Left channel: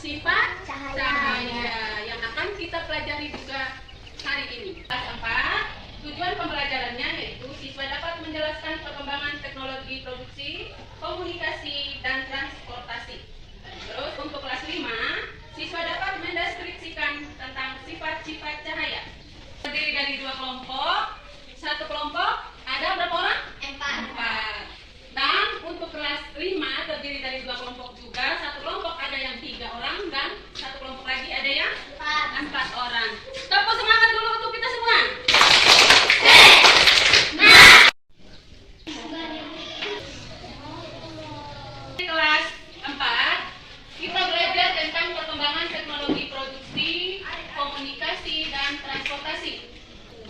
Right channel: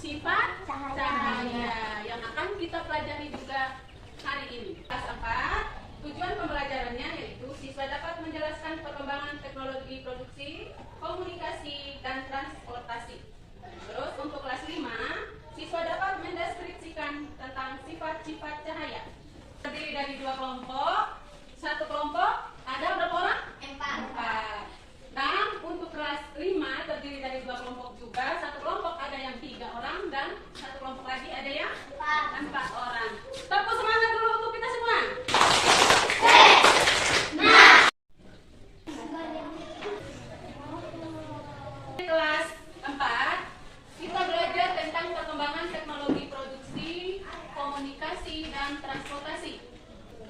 sifat cahaya yang akan kita pelajari juga hari ini. Kelas 4, tujuan pembelajarannya yaitu siswa dapat menjelaskan perkembangan teknologi produksi, komunikasi, dan transportasi. Terus untuk kelas 5, siswa dapat mendeskripsikan tentang sifat-sifat cahaya. Terdiri dari 2 kelompok. Satu kelompok ada berapa orang? 4. Dan untuk kelas 5 terdiri dari 2 kelompok juga. Satu kelompok ada yang 3 orang dan satu kelompok lagi ada yang 4 orang. Tepuk semangat dulu untuk kita semua. Kelas 4 kita belajar tentang perkembangan teknologi produksi, komunikasi, dan transportasi.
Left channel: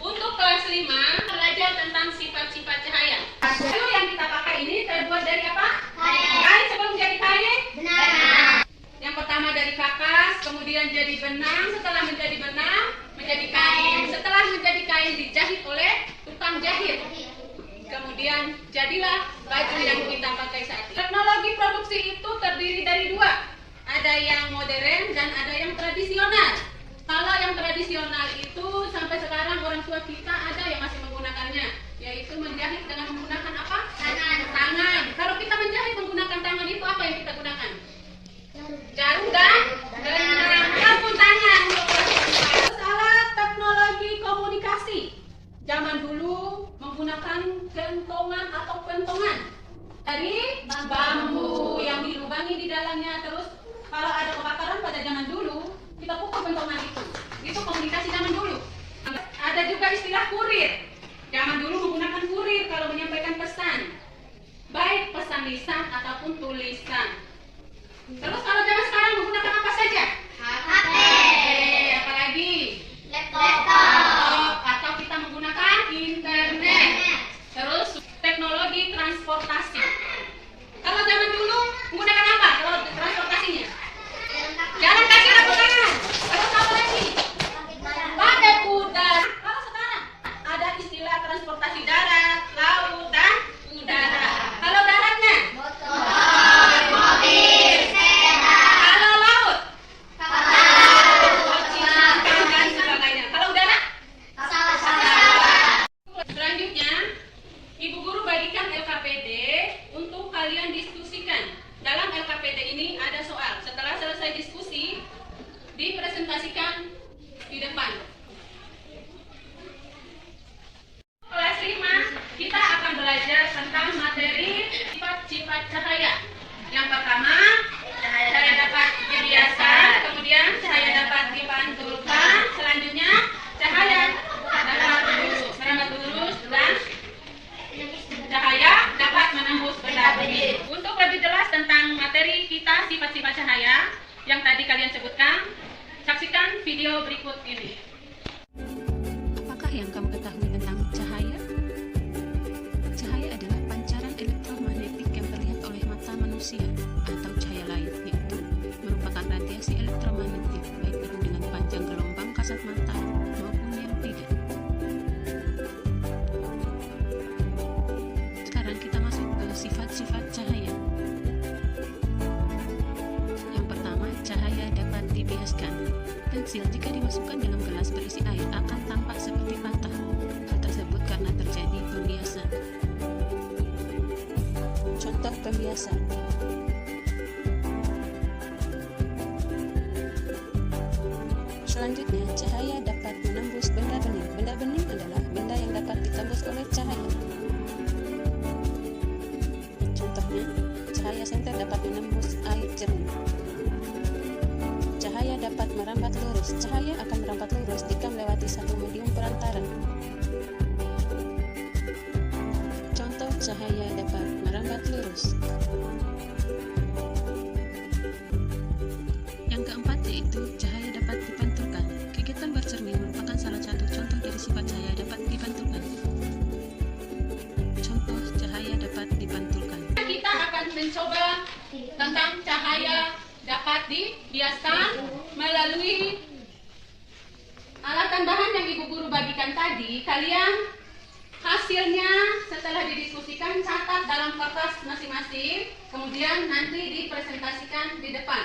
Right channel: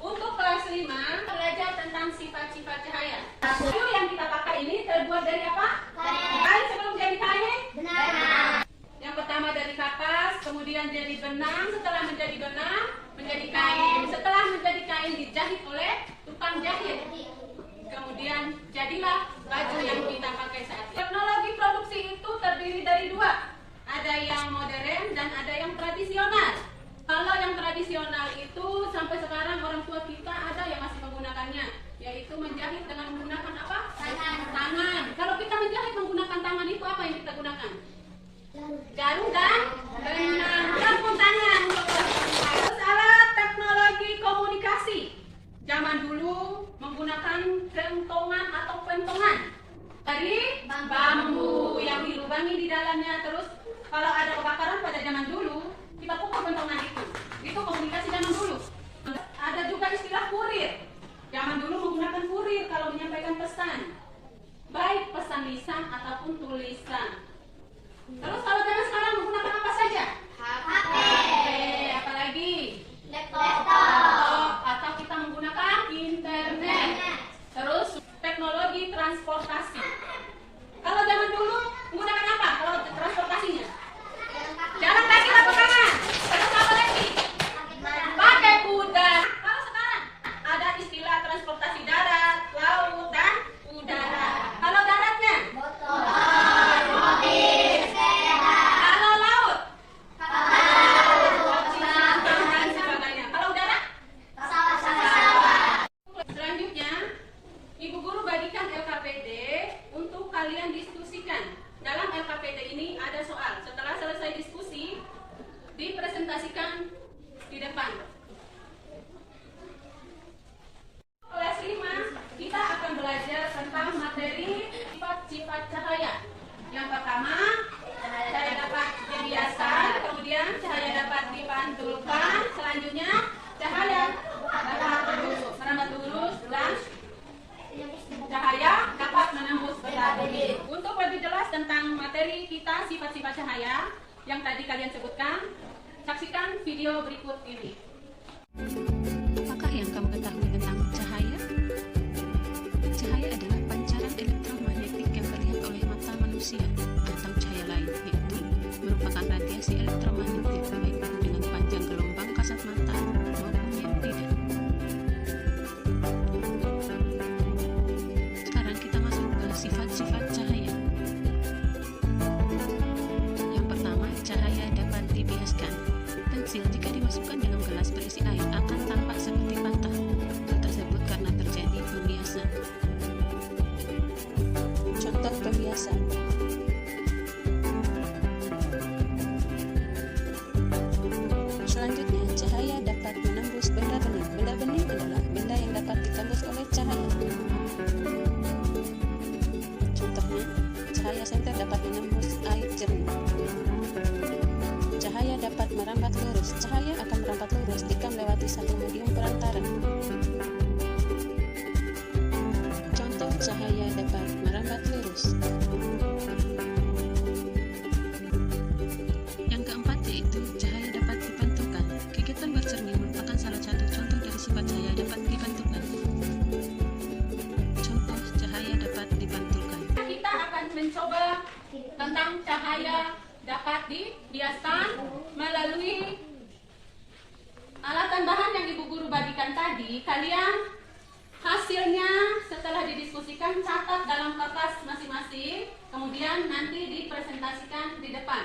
Untuk kelas 5 belajar tentang sifat-sifat cahaya. Kayu yang kita pakai ini terbuat dari apa? Kain sebelum jadi kain? Benar. Yang pertama dari kapas, kemudian jadi benang, setelah menjadi benang menjadi kain. Setelah menjadi kain dijahit oleh tukang jahit. Kemudian jadilah baju yang kita pakai saat ini. Teknologi produksi itu terdiri dari 2. Ada yang modern dan ada yang tradisional. Kalau yang tradisional itu sampai sekarang orang tua kita ada yang masih menggunakannya, yaitu menjahit dengan menggunakan apa? Tangan. Kalau kita menjahit menggunakan tangan itu apa yang kita gunakan? Jarum dan benang. Ataupun tangan. Terus alat teknologi komunikasi. Zaman dulu menggunakan kentongan atau pentongan dari bambu yang dilubangi di dalamnya. Terus kalau ada kebakaran pada zaman dulu, kita pukul pentongan itu komunikasi zaman dulu. Ada juga istilah kurir. Zaman dulu menggunakan kurir kalau menyampaikan pesan, baik pesan lisan ataupun tulisan. Terus kalau zaman sekarang menggunakan apa saja? HP, apalagi laptop, atau kita menggunakan internet. Terus teknologi transportasi. Kalau zaman dulu menggunakan apa? Kalau transportasinya? Jalan kaki atau tangan? Terus apa lagi? Pakai kuda. Kalau sekarang ada istilah transportasi darat, laut, dan udara. Kalau daratnya? Motor, mobil, sepeda. Kalau laut? Kapal, dan sebagainya. Kalau udara? Pesawat. Selanjutnya, Ibu Guru bagikan LKPD untuk kalian diskusikan. Dalam LKPD ini ada soal. Setelah selesai diskusi, dipresentasikan di depan. Kelas 5, kita akan belajar tentang materi sifat-sifat cahaya. Yang pertama, cahaya dapat dibiaskan, kemudian cahaya dapat dipantulkan, selanjutnya cahaya dapat merambat lurus, dan cahaya dapat menembus benda-benda. Untuk lebih jelas tentang materi kita sifat-sifat cahaya yang tadi kalian sebutkan, saksikan video berikut ini. Apakah yang kamu ketahui tentang cahaya? Cahaya adalah pancaran elektromagnetik yang terlihat oleh mata manusia atau cahaya lain, yaitu merupakan radiasi elektromagnetik baik itu dengan panjang gelombang kasat mata maupun yang tidak. Sekarang kita masuk ke sifat-sifat cahaya. Yang pertama, cahaya dapat dibiaskan. Pensil jika dimasukkan dalam gelas berisi air akan tampak seperti patah. Hal tersebut karena terjadi pembiasan. Contoh pembiasan. Selanjutnya, cahaya dapat menembus benda bening. Benda bening adalah benda yang dapat ditembus oleh cahaya. Contohnya, cahaya senter dapat menembus air jernih. Cahaya dapat merambat lurus. Cahaya akan merambat lurus jika melewati satu medium perantara. Contoh cahaya dapat merambat lurus. Yang keempat yaitu cahaya dapat dipantulkan. Kegiatan bercermin merupakan salah satu contoh dari sifat cahaya dapat dipantulkan. Contoh cahaya dapat dipantulkan. Kita akan mencoba tentang cahaya dapat dibiaskan melalui alat tambahan yang Ibu Guru bagikan tadi. Kalian hasilnya setelah didiskusikan catat dalam kertas masing-masing, kemudian nanti dipresentasikan di depan.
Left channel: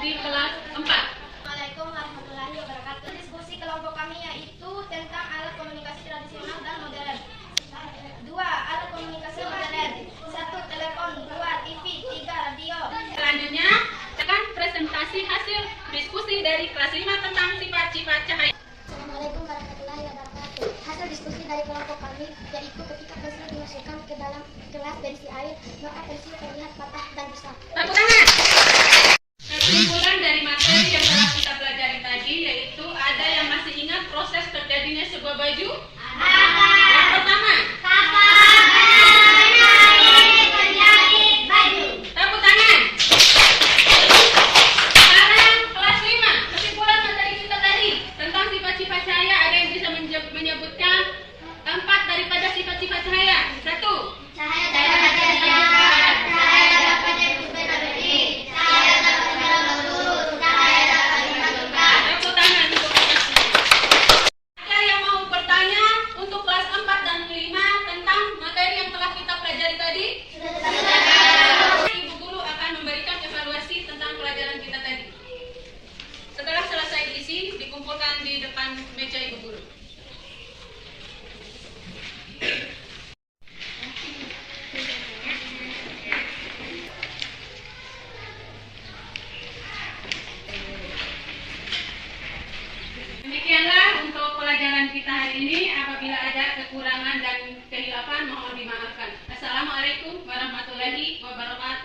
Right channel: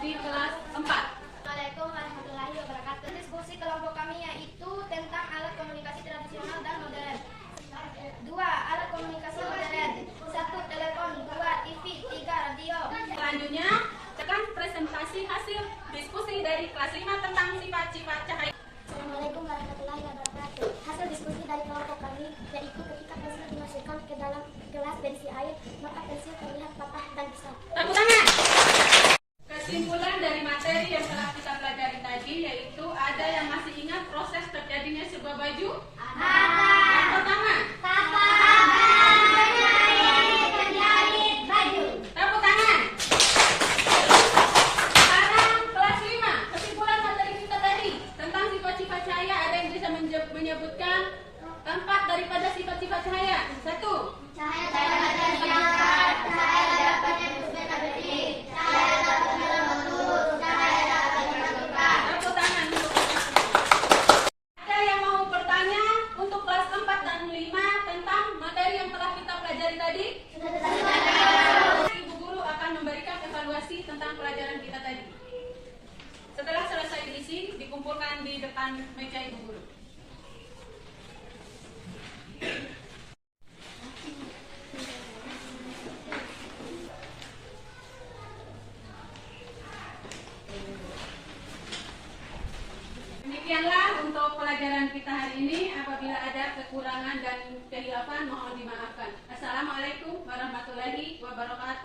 di kelas 4. Assalamualaikum warahmatullahi wabarakatuh. Diskusi kelompok kami yaitu tentang alat komunikasi tradisional dan modern. 2. Alat komunikasi modern. 1. Telepon. 2. TV. 3. Radio. Selanjutnya, tekan presentasi hasil diskusi dari kelas 5 tentang sifat-sifat cahaya. Assalamualaikum warahmatullahi wabarakatuh. Hasil diskusi dari kelompok kami yaitu ketika pensil dimasukkan ke dalam gelas berisi air, maka pensil terlihat patah dan besar. Tepuk tangan. Kesimpulan dari materi yang telah kita pelajari tadi yaitu ada yang masih ingat proses terjadinya sebuah baju? Yang pertama, tepuk tangan. Sekarang kelas 5, kesimpulan materi kita tadi tentang sifat-sifat cahaya. Ada yang bisa menyebutkan tempat daripada sifat-sifat cahaya? 1. Tepuk tangan untuk kelas 5. Ada yang mau bertanya untuk kelas 4 dan 5 tentang materi yang telah kita pelajari tadi? Ibu guru akan memberikan evaluasi tentang pelajaran kita tadi. Setelah selesai diisi, dikumpulkan di depan meja ibu guru. Demikianlah untuk pelajaran kita hari ini. Apabila ada kekurangan dan kehilafan, mohon dimaafkan. Assalamualaikum warahmatullahi wabarakatuh.